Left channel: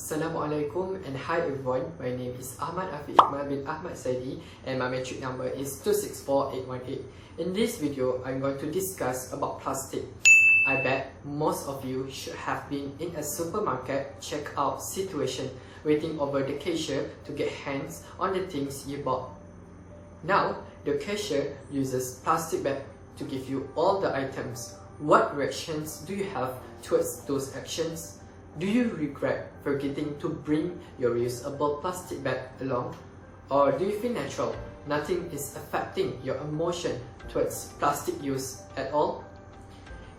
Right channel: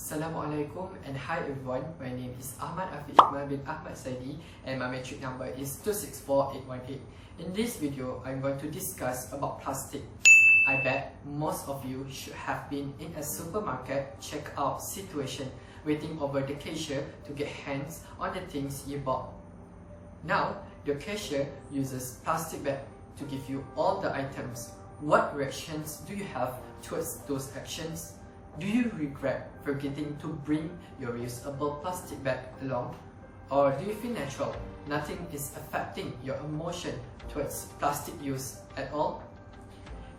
Assalamualaikum and hi everyone, my name is Ahmad Afiq Iqmal bin Ahmad Saidi and my metric number is 264818. In this video, I'm going to discuss about plastic. I bet most of you should have been in a supermarket checkout situation waiting over the cashier to get hands on the things you bought. Now, the cashier uses plastic bag to give you all the items. What reactions do you have towards those actions? Do you regret forgetting to bring your reusable plastic bag along? Or do you feel natural? Nothing is affecting your emotion towards plastic use at all?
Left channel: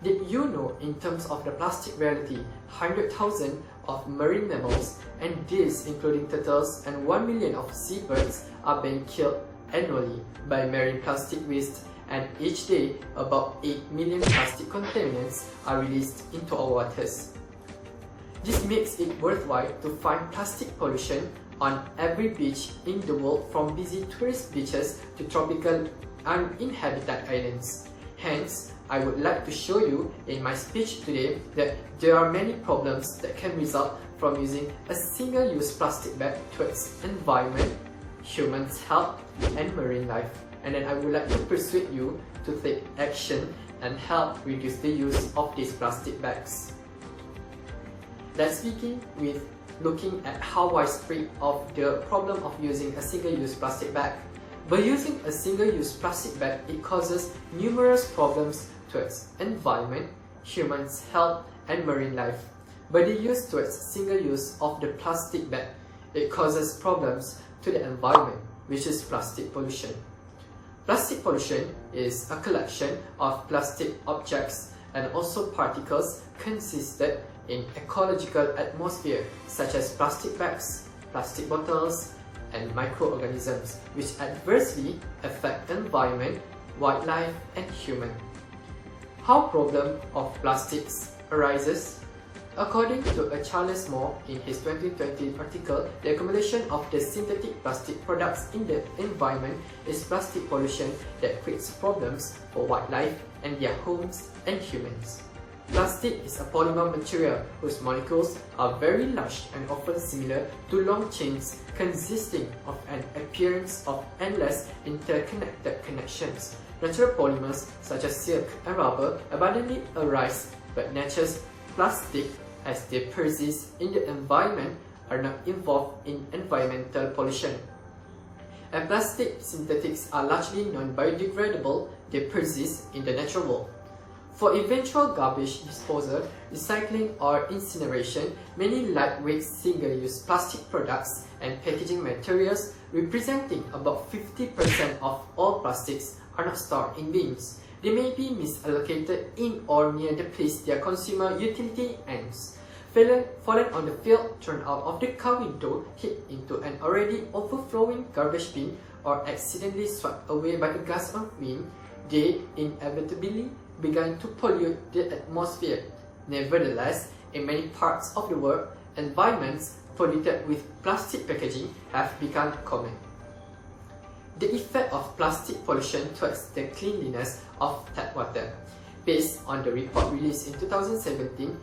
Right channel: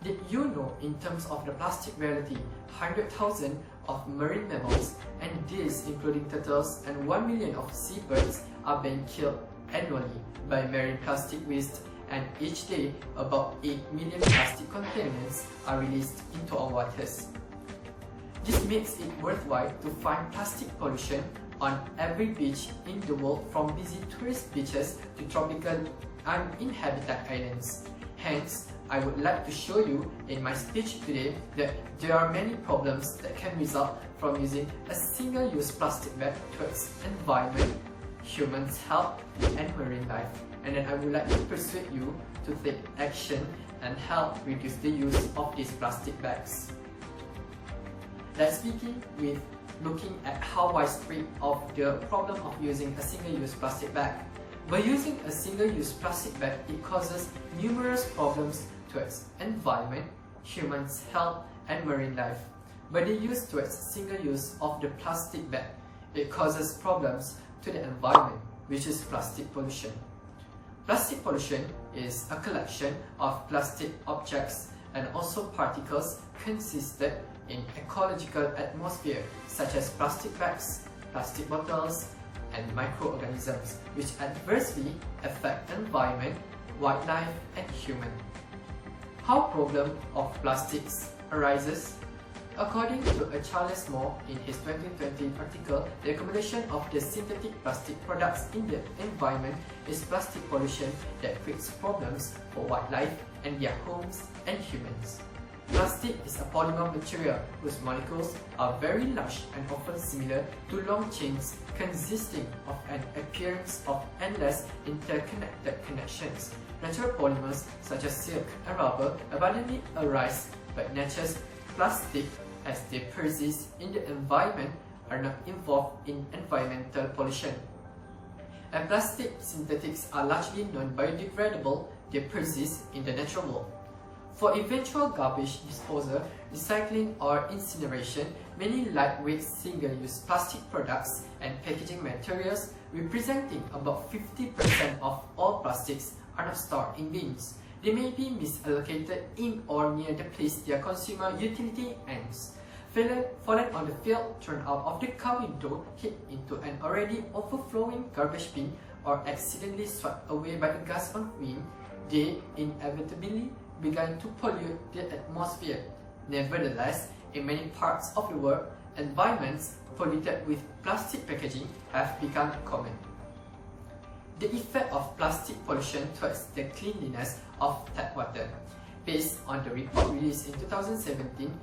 Did you know, in terms of the plastic reality, 100,000 of marine mammals, and these including turtles, and 1 million of seabirds are being killed annually by marine plastic waste, and each day about 8 million plastic contaminants are released into our waters. This makes it worthwhile to find plastic pollution on every beach in the world, from busy tourist beaches to tropical uninhabited islands. Hence, I would like to show you in my speech today that there are many problems that can result from using a single-use plastic bag towards environment, humans' health, and marine life. And then I would like to persuade you to take action and help reduce the use of these plastic bags. Let's begin with looking at how widespread of the problem of using a single-use plastic bag. By using a single-use plastic bag, it causes numerous problems towards environment, humans' health, and marine life. By the use towards single use of the plastic bag, it causes problems to the environment, which is plastic pollution. Plastic pollution is a collection of plastic objects and also particles consisted in ecological atmosphere, such as plastic bags, plastic bottles, and microorganisms, which adversely affect environment, wildlife, and human. How problem of plastics arises? According to Charles Moore in his 2020 article, the accumulation of the synthetic plastic products in the environment is plastic pollution that creates problems for wildlife and their homes and humans. Plastic is a polymer material whose molecules are very large and often similar to long chains consisting of an appearance of endless interconnected connections. Natural polymers such as silk and rubber abundantly arise, but nature's plastic, as they persist in the environment, are not involved in environmental pollution. And plastic synthetics are largely non-biodegradable, they persist in the natural world. For eventual garbage disposal, recycling or incineration, many lightweight single-use plastic products and packaging materials, representing about 50% of all plastics, are not stored in bins. They may be misallocated in or near the place their consumer utility ends. Fallen on the field, thrown out of the car window, hit into an already overflowing garbage bin, or accidentally swept away by a gust of wind, they inevitably began to pollute the atmosphere. Nevertheless, in many parts of the world, environments polluted with plastic packaging have become common. The effect of plastic pollution towards the cleanliness of tap water. Based on the report released in 2017,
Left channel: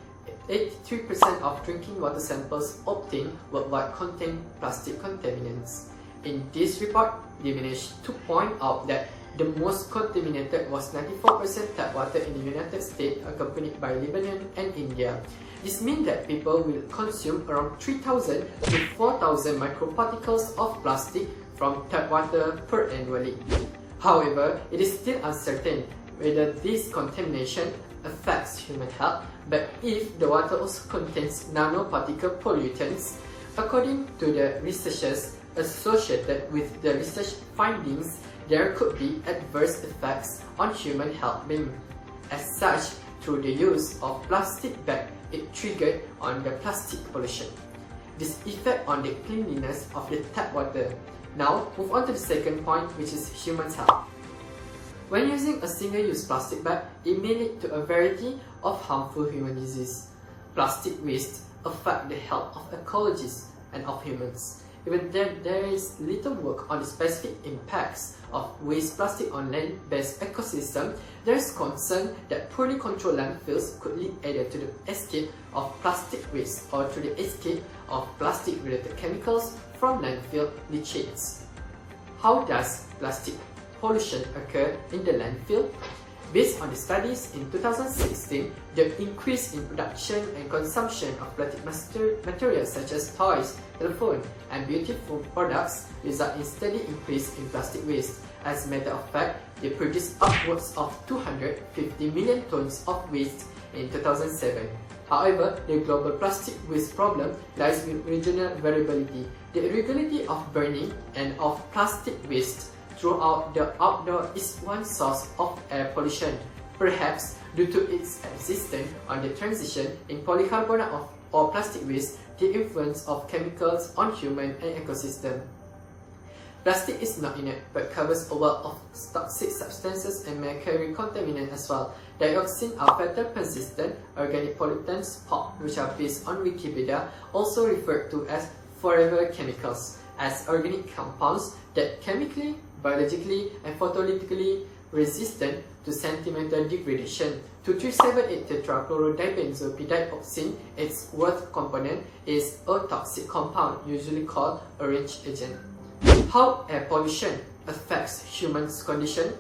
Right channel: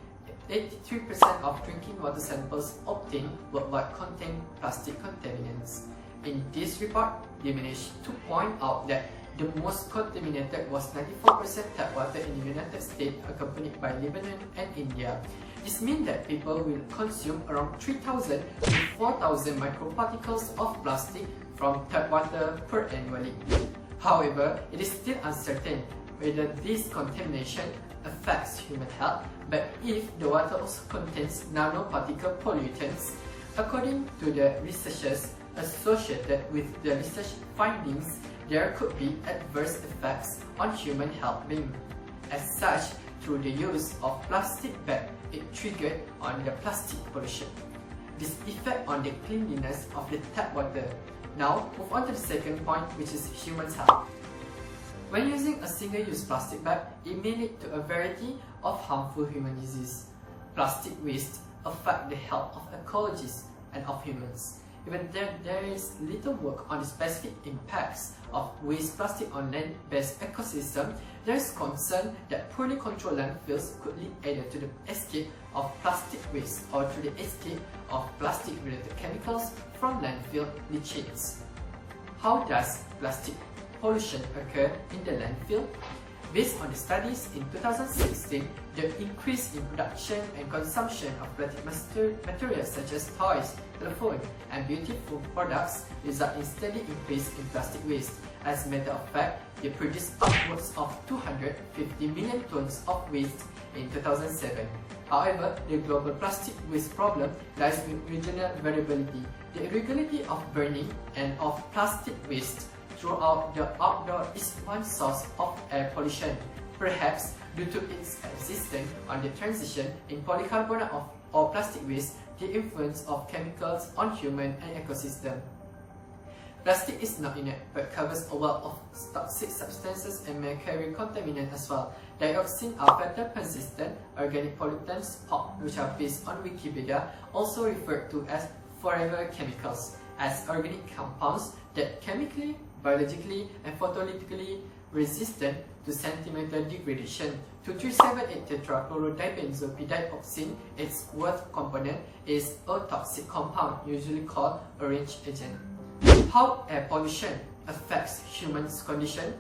83% of drinking water samples obtained worldwide contain plastic contaminants. In this report, they managed to point out that the most contaminated was 94% tap water in the United States, accompanied by Lebanon and India. This means that people will consume around 3,000 to 4,000 microparticles of plastic from tap water per annually. However, it is still uncertain whether this contamination affects human health, but if the water also contains nanoparticle pollutants, according to the researchers associated with the research findings, there could be adverse effects on human health being. As such, through the use of plastic bag, it triggered on the plastic pollution. This effect on the cleanliness of the tap water. Now, move on to the second point, which is human health. When using a single-use plastic bag, it may lead to a variety of harmful human diseases. Plastic waste affect the health of ecologists and of humans. Even though there is little work on the specific impacts of waste plastic on land-based ecosystem, there is concern that poorly controlled landfills could lead either to the escape of plastic waste or to the escape of plastic-related chemicals from landfill leachates. How does plastic pollution occur in the landfill? Based on the studies in 2016, the increase in production and consumption of plastic materials such as toys, telephone, and beauty products result in steady increase in plastic waste. As a matter of fact, they produced upwards of 250 million tons of waste in 2007. However, the global plastic waste problem lies with regional variability. The irregularity of burning and of plastic waste throughout the outdoor is one source of air pollution, perhaps due to its existence on the transition in polycarbonate or plastic waste, the influence of chemicals on human and ecosystem. Plastic is not inert but covers a wealth of toxic substances and may carry contaminants as well. Dioxin are fatal persistent organic pollutants, POP, which are based on Wikipedia, also referred to as forever chemicals, as organic compounds that chemically, biologically, and photolytically resistant to sentimental degradation. 2378 tetrachlorodibenzoyl-dioxin, its worth component, is a toxic compound, usually called orange agent. How air pollution affects humans' condition?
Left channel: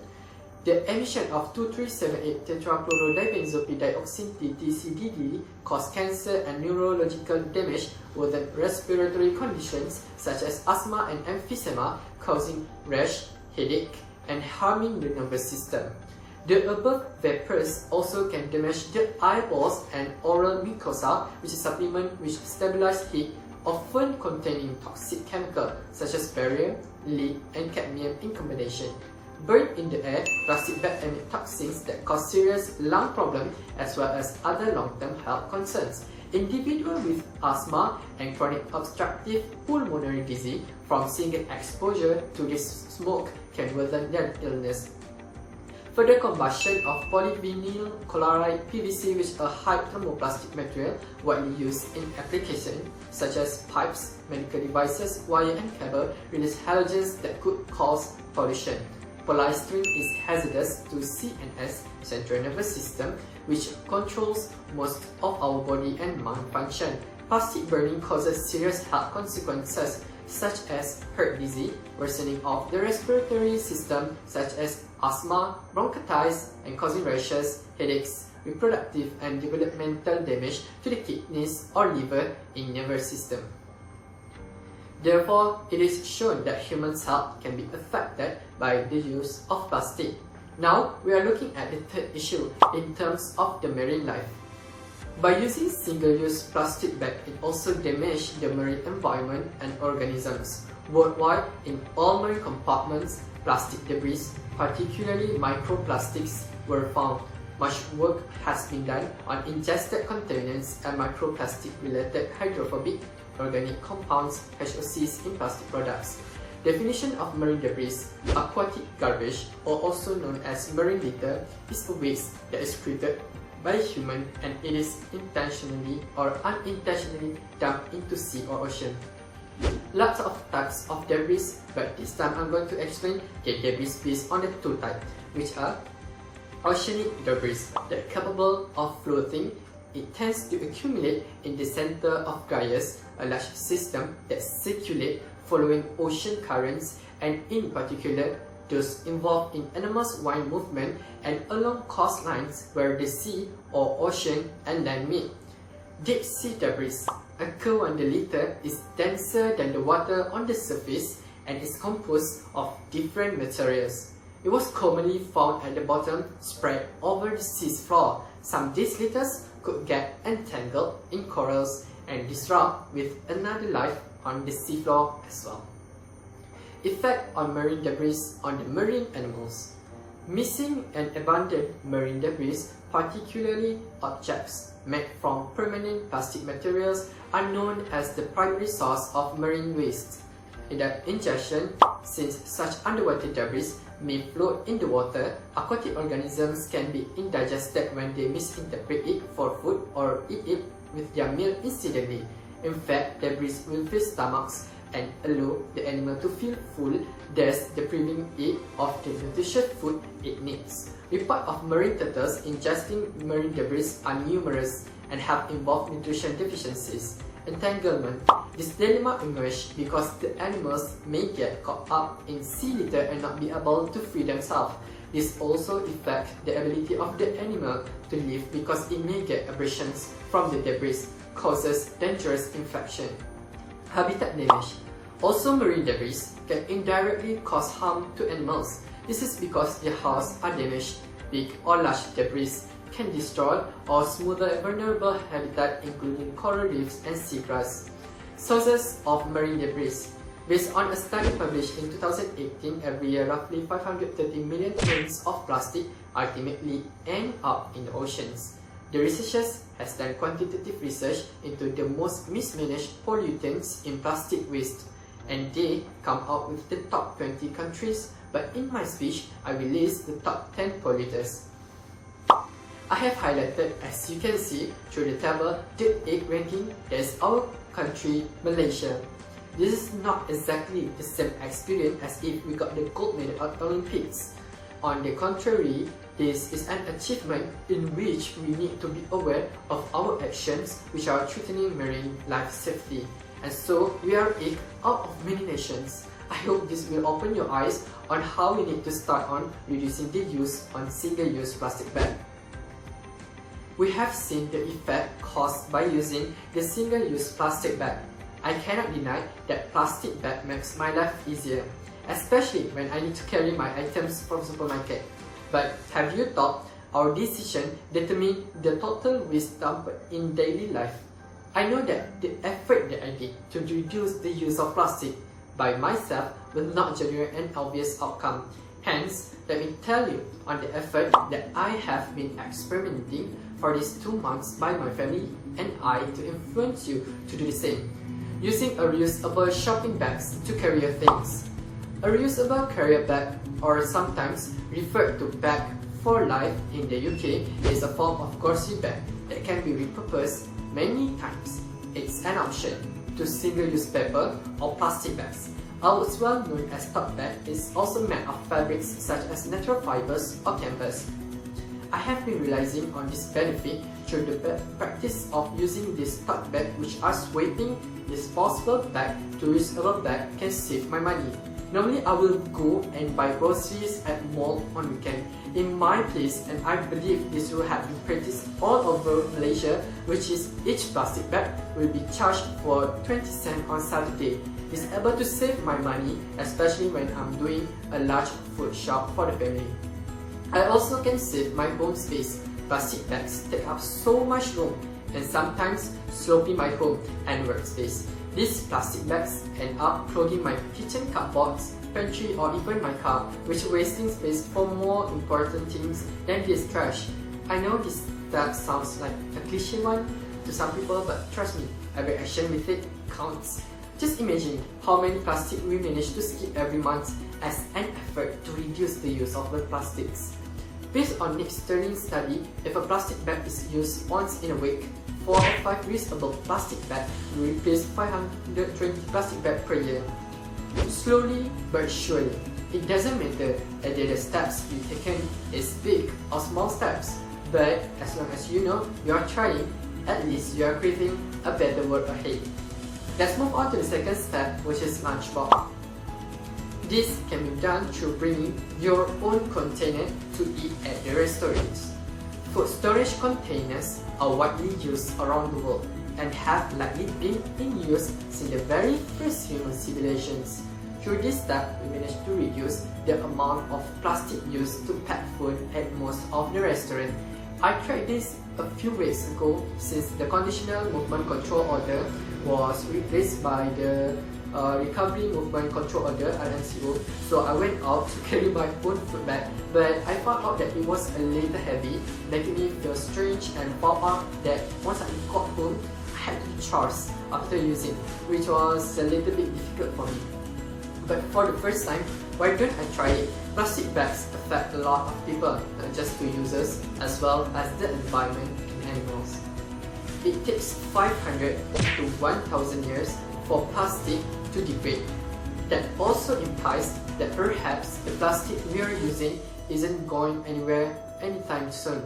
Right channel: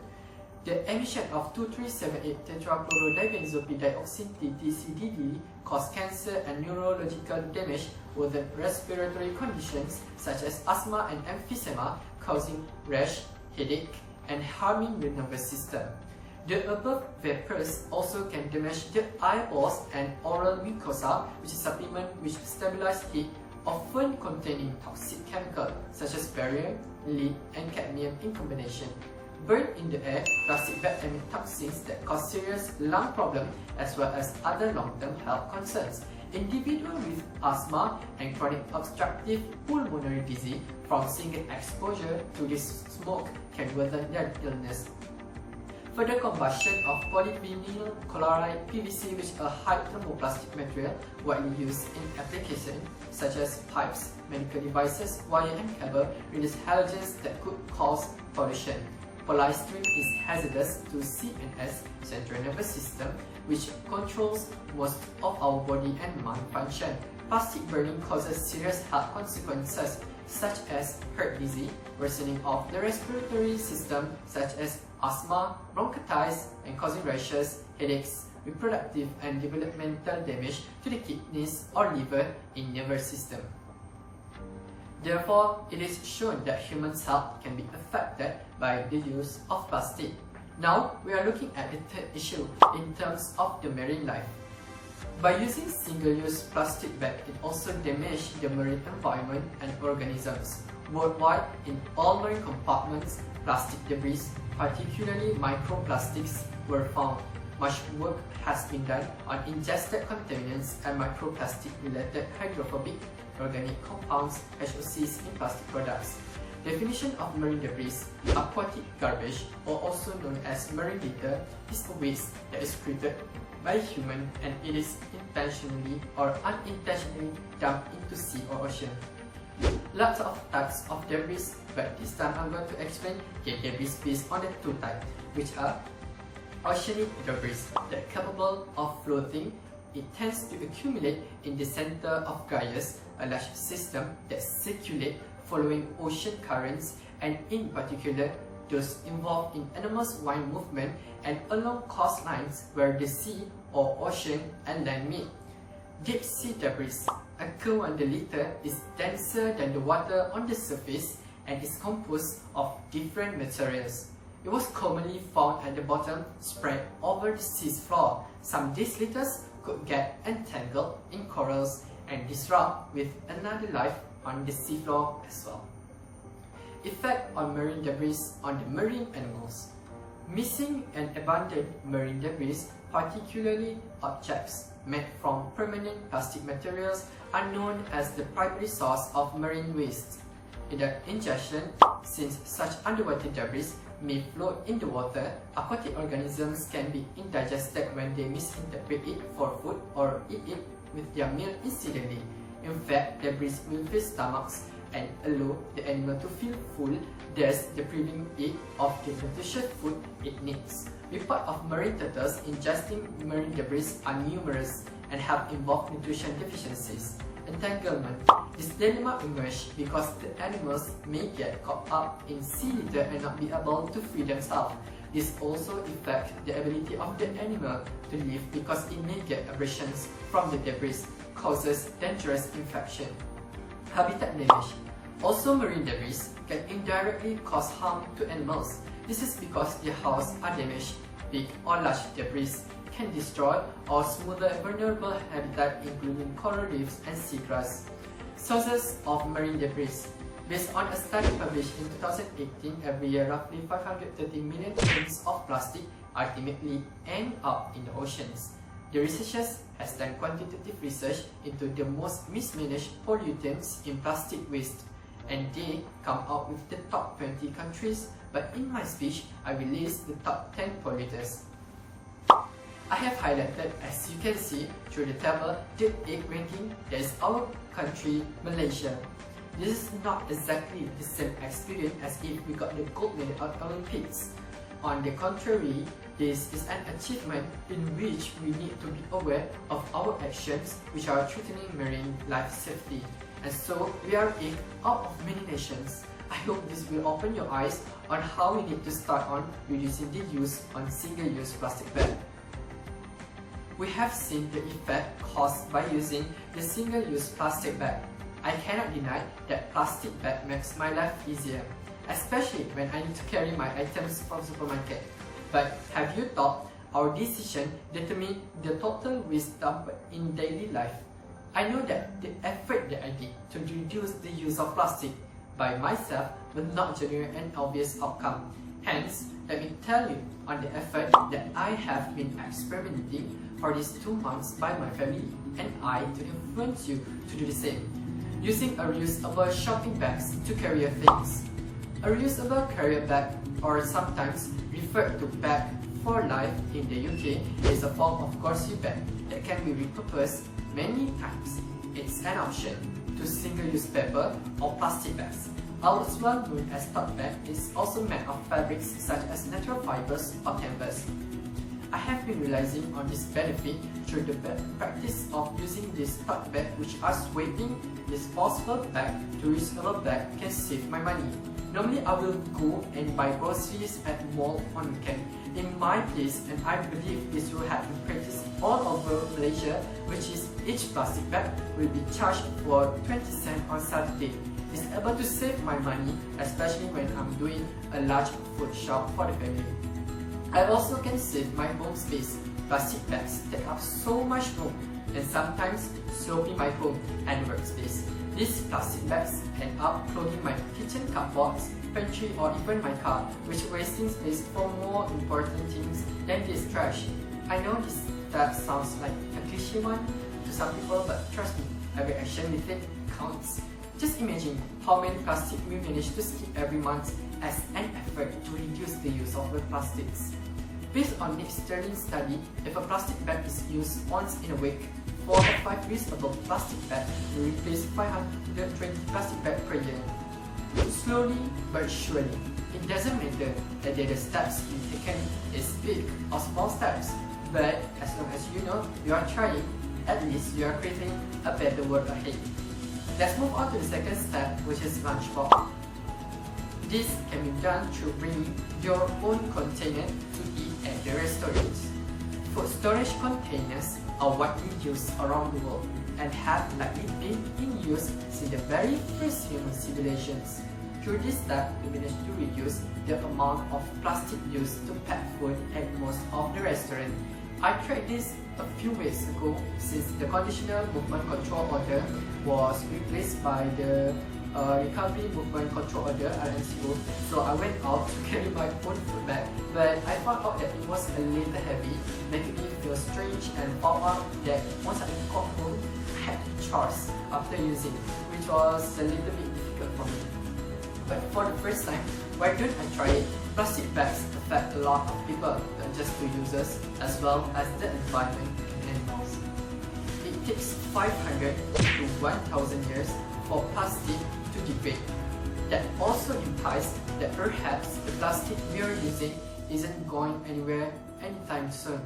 The emission of 2378 tetrachlorodibenzoyl-dioxin (TTCDD) cause cancer and neurological damage with respiratory conditions such as asthma and emphysema, causing rash, headache, and harming the nervous system. The above vapors also can damage the eyeballs and oral mucosa, which is supplement which stabilize heat, often containing toxic chemicals such as barium, lead, and cadmium in combination. Burned in the air, plastic bags emit toxins that cause serious lung problems as well as other long-term health concerns. Individuals with asthma and chronic obstructive pulmonary disease from single exposure to this smoke can worsen their illness. Further combustion of polyvinyl chloride (PVC), which is a high thermoplastic material widely used in applications such as pipes, medical devices, wire and cable, release halogens that could cause pollution. Polystyrene is hazardous to CNS, central nervous system, which controls most of our body and mind function. Plastic burning causes serious health consequences such as heart disease, worsening of the respiratory system such as asthma, bronchitis, and causing rashes, headaches, reproductive and developmental damage to the kidneys or liver in nervous system. Therefore, it is shown that human health can be affected by the use of plastic. Now, we are looking at the third issue in terms of the marine life. By using single-use plastic bags, it also damages the marine environment and organisms. Worldwide, in all marine compartments, plastic debris, particularly microplastics, were found. Much work has been done on ingested contaminants and microplastic-related hydrophobic organic compounds (HOCs) in plastic products. Definition of marine debris: aquatic garbage, or also known as marine litter, is a waste that is created by human and it is intentionally or unintentionally dumped into sea or ocean. Lots of types of debris, but this time I'm going to explain the debris based on the two types, which are oceanic debris that are capable of floating. It tends to accumulate in the center of gyres, a large system that circulate following ocean currents, and in particular those involved in animals' wind movement and along coastlines where the sea or ocean and land meet. Deep sea debris occur when the litter is denser than the water on the surface and is composed of different materials. It was commonly found at the bottom, spread over the sea's floor. Some of these litters could get entangled in corals and disrupt with another life on the seafloor as well. Effect on marine debris on the marine animals. Missing and abandoned marine debris, particularly objects made from permanent plastic materials, are known as the primary source of marine waste. In the ingestion, since such underwater debris may float in the water, aquatic organisms can be indigested when they misinterpret it for food or eat it with their meal incidentally. In fact, debris will fill stomachs and allow the animal to feel full, thus depriving it of the nutritious food it needs. Reports of marine turtles ingesting marine debris are numerous and have involved nutrition deficiencies. Entanglement. This dilemma emerged because the animals may get caught up in sea litter and not be able to free themselves. This also affects the ability of the animal to live because it may get abrasions from the debris, causes dangerous infection. Habitat damage. Also, marine debris can indirectly cause harm to animals. This is because their house are damaged. Big or large debris can destroy or smother vulnerable habitat including coral reefs and seagrass. Sources of marine debris. Based on a study published in 2018, every year roughly 530 million tons of plastic ultimately end up in the oceans. The researchers has done quantitative research into the most mismanaged pollutants in plastic waste, and they come out with the top 20 countries, but in my speech, I will list the top 10 polluters. I have highlighted, as you can see through the table, the 8th ranking, that is our country, Malaysia. This is not exactly the same experience as if we got the gold medal at Olympics. On the contrary, this is an achievement in which we need to be aware of our actions which are threatening marine life safety. And so, we are 8 out of many nations. I hope this will open your eyes on how we need to start on reducing the use on single-use plastic bag. We have seen the effect caused by using the single-use plastic bag. I cannot deny that plastic bag makes my life easier, especially when I need to carry my items from supermarket. But have you thought our decision determine the total waste dumped in daily life? I know that the effort that I did to reduce the use of plastic by myself will not generate an obvious outcome. Hence, let me tell you on the effort that I have been experimenting for these 2 months by my family and I to influence you to do the same. Using a reusable shopping bags to carry your things. A reusable carrier bag, or sometimes referred to bag for life in the UK, is a form of grocery bag that can be repurposed many times. It's an option to single-use paper or plastic bags. Ours, well known as tote bag, is also made of fabrics such as natural fibers or canvas. I have been realizing on this benefit through the practice of using this tote bag, which are swapping disposable bag to reusable bag can save my money. Normally, I will go and buy groceries at mall on weekend in my place, and I believe this will have been practiced all over Malaysia, which is each plastic bag will be charged for 20 cents on Saturday. It's able to save my money, especially when I'm doing a large food shop for the family. I also can save my home space. Plastic bags take up so much room and sometimes sloping my home and workspace. These plastic bags end up clogging my kitchen cupboards, pantry, or even my car, which wasting space for more important things than this trash. I know that sounds like a cliche one to some people, but trust me, every action we take counts. Just imagine how many plastic we manage to skip every month as an effort to reduce the use of the plastics. Based on Nick Sterling's study, if a plastic bag is used once in a week, 4 or 5 reusable plastic bags will replace 520 plastic bags per year. Slowly but surely, it doesn't matter whether the steps you taken is big or small steps, but as long as you know you are trying, at least you are creating a better world ahead. Let's move on to the second step, which is lunchbox. This can be done through bringing your own container to eat at the restaurants. Food storage containers are widely used around the world and have likely been in use since the very first human civilizations. Through this step, we managed to reduce the amount of plastic used to pack food at most of the restaurants. I tried this a few weeks ago since the Conditional Movement Control Order was replaced by the Recovery Movement Control Order (RMCO), so I went out to carry my own food bag, but I found out that it was a little heavy, making me feel strange and found out that once I got home, I had to charge after using, which was a little bit difficult for me. But for the first time, why don't I try it? Plastic bags affect a lot of people, not just the users, as well as the environment and animals. It takes 500 to 1000 years for plastic to degrade. That also implies that perhaps the plastic we are using isn't going anywhere anytime soon.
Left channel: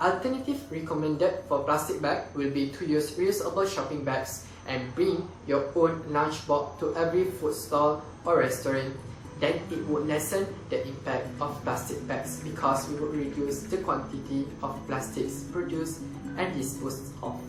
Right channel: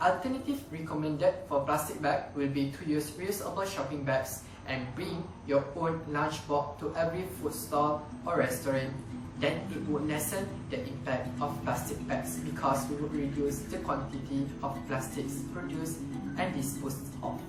Alternative recommended for plastic bag will be to use reusable shopping bags and bring your own lunch box to every food stall or restaurant. Then it would lessen the impact of plastic bags because we would reduce the quantity of plastics produced and disposed of.